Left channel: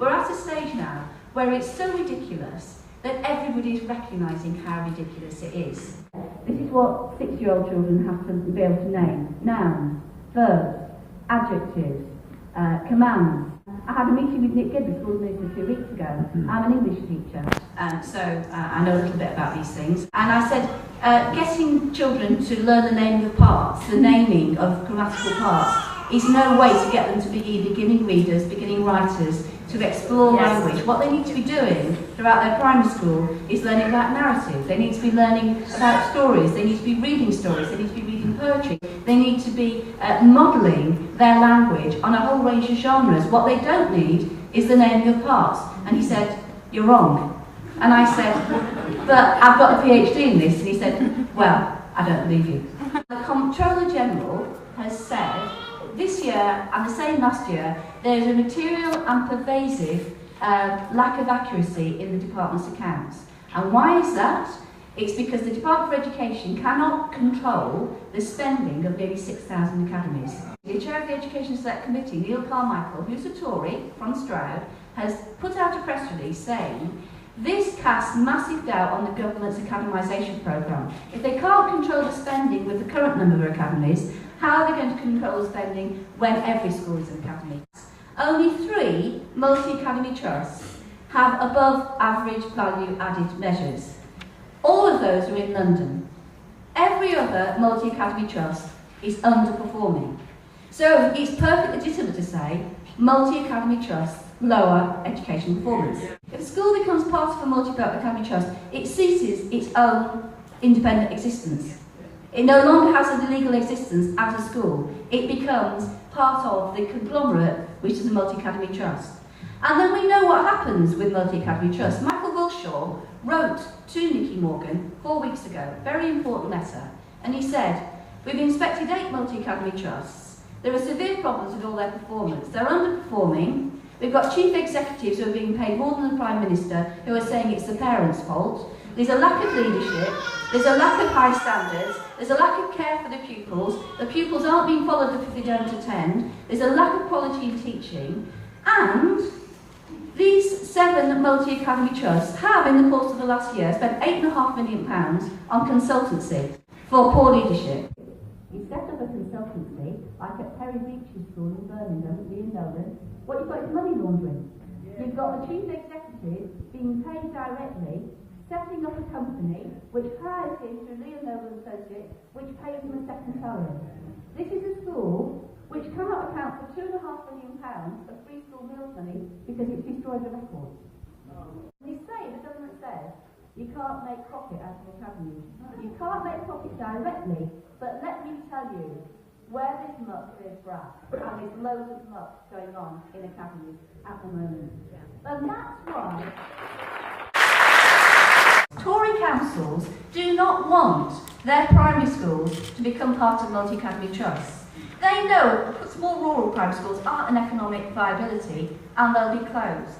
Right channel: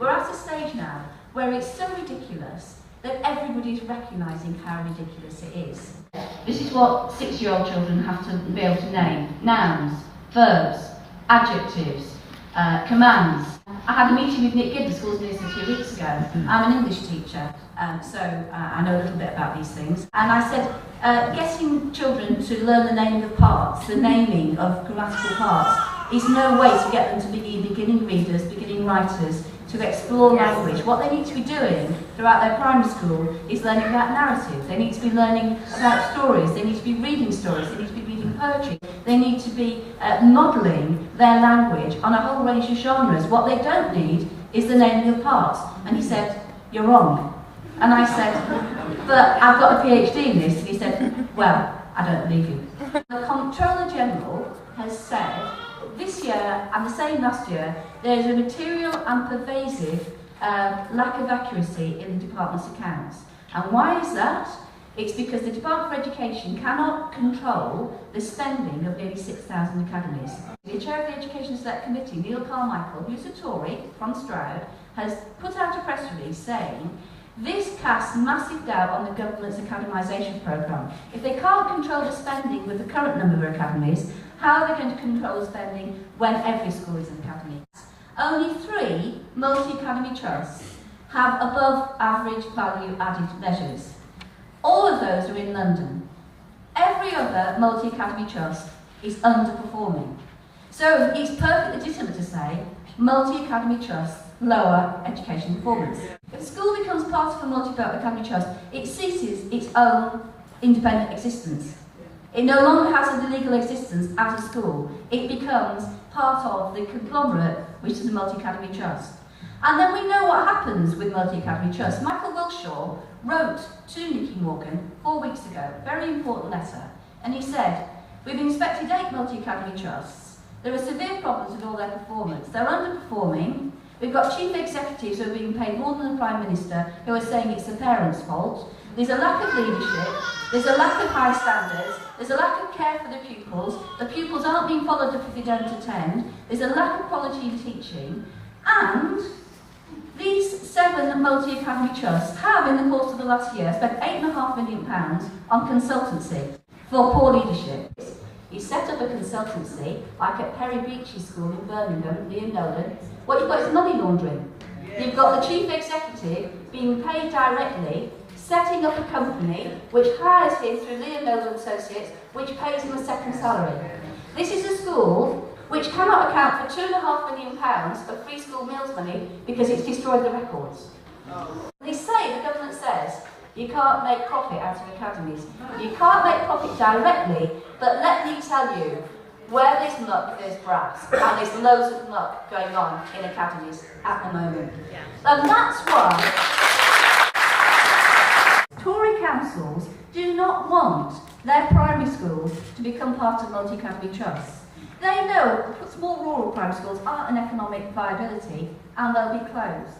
We're at a stage now where it's so ridiculous that everybody's recognising how ridiculous it is. This is what 6-year-old children have to be able to name: nouns, verbs, adjectives, commands. I had a meeting with Nick Gibb, the school's minister, 2 weeks ago. I'm an English teacher, so I know a little bit about these things. And I said, getting children to learn the name of parts, the naming of grammatical parts, is no way to get them to be beginning readers, beginning writers, to explore language. What they need to be doing throughout their primary school is learning about narrative. They need to be learning about stories. They need to be reading stories. They need to be reading poetry. They need to be modelling their language on a whole range of genres. What they don't need is the naming of parts. And he said, "You're wrong." And I said, "But I've got a PhD in this." And he said, "Well, I don't believe you." The Comptroller General has said this year, and the same last year, there's a material and pervasive lack of accuracy in the department's accounts. And why is that? It's because the Department for Education cannot control the spending of nearly 6,000 academies. The chair of the Education Select Committee, Neil Carmichael, who's a Tory from Stroud, has put out a press release saying this casts massive doubt on the government's academisation programme. If they can't control the spending with the current number of academies, how are they going to control spending when every school is an academy? Only 3 multi-academy trusts have above average value added measures. All of those are in London. Every other multi-academy trust is underperforming. So it's perfectly legitimate to say multi-academy trusts lower education performance. If a school becomes part of a multi-academy trust, it ceases its own independent existence. It no longer has a legal existence as a school. It becomes part of the conglomerate, which is a multi-academy trust. And then we know what happens with multi-academy trusts. Michael Wilshaw wrote to Nicky Morgan 4 weeks ago, very important letter, and he said, "We've inspected 8 multi-academy trusts. There are severe problems with all their performance. They're underperforming. We've got chief executives who are being paid more than the Prime Minister who are saying it's the parents' fault. There's a lack of leadership. There's a lack of high standards. There's a lack of care for the pupils. The pupils aren't being followed up if they don't attend. There's a lack of quality in teaching. And these 7 multi-academy trusts have, in the course of the last year, spent £8.5 million on consultancy for poor leadership." He set up a consultancy, like at Perry Beachy School in Birmingham, near Nolan. What you've got is money laundering. You've got the chief executive being paid directly, setting up a company which hires him through Liam Nolan Associates, which pays him a second salary. This is a school which cannot account for £2.5 million of free school meals money because it's destroyed the records. They say, the government says, you can't make profit out of academies. You can't make profit directly, but let me tell you, where there's muck, there's brass, and there's loads of muck going on in academies at the moment. And that's why Tory councils do not want their primary schools to become part of multi-academy trusts. They know small rural primary schools aren't an economic viability and they'll be closed.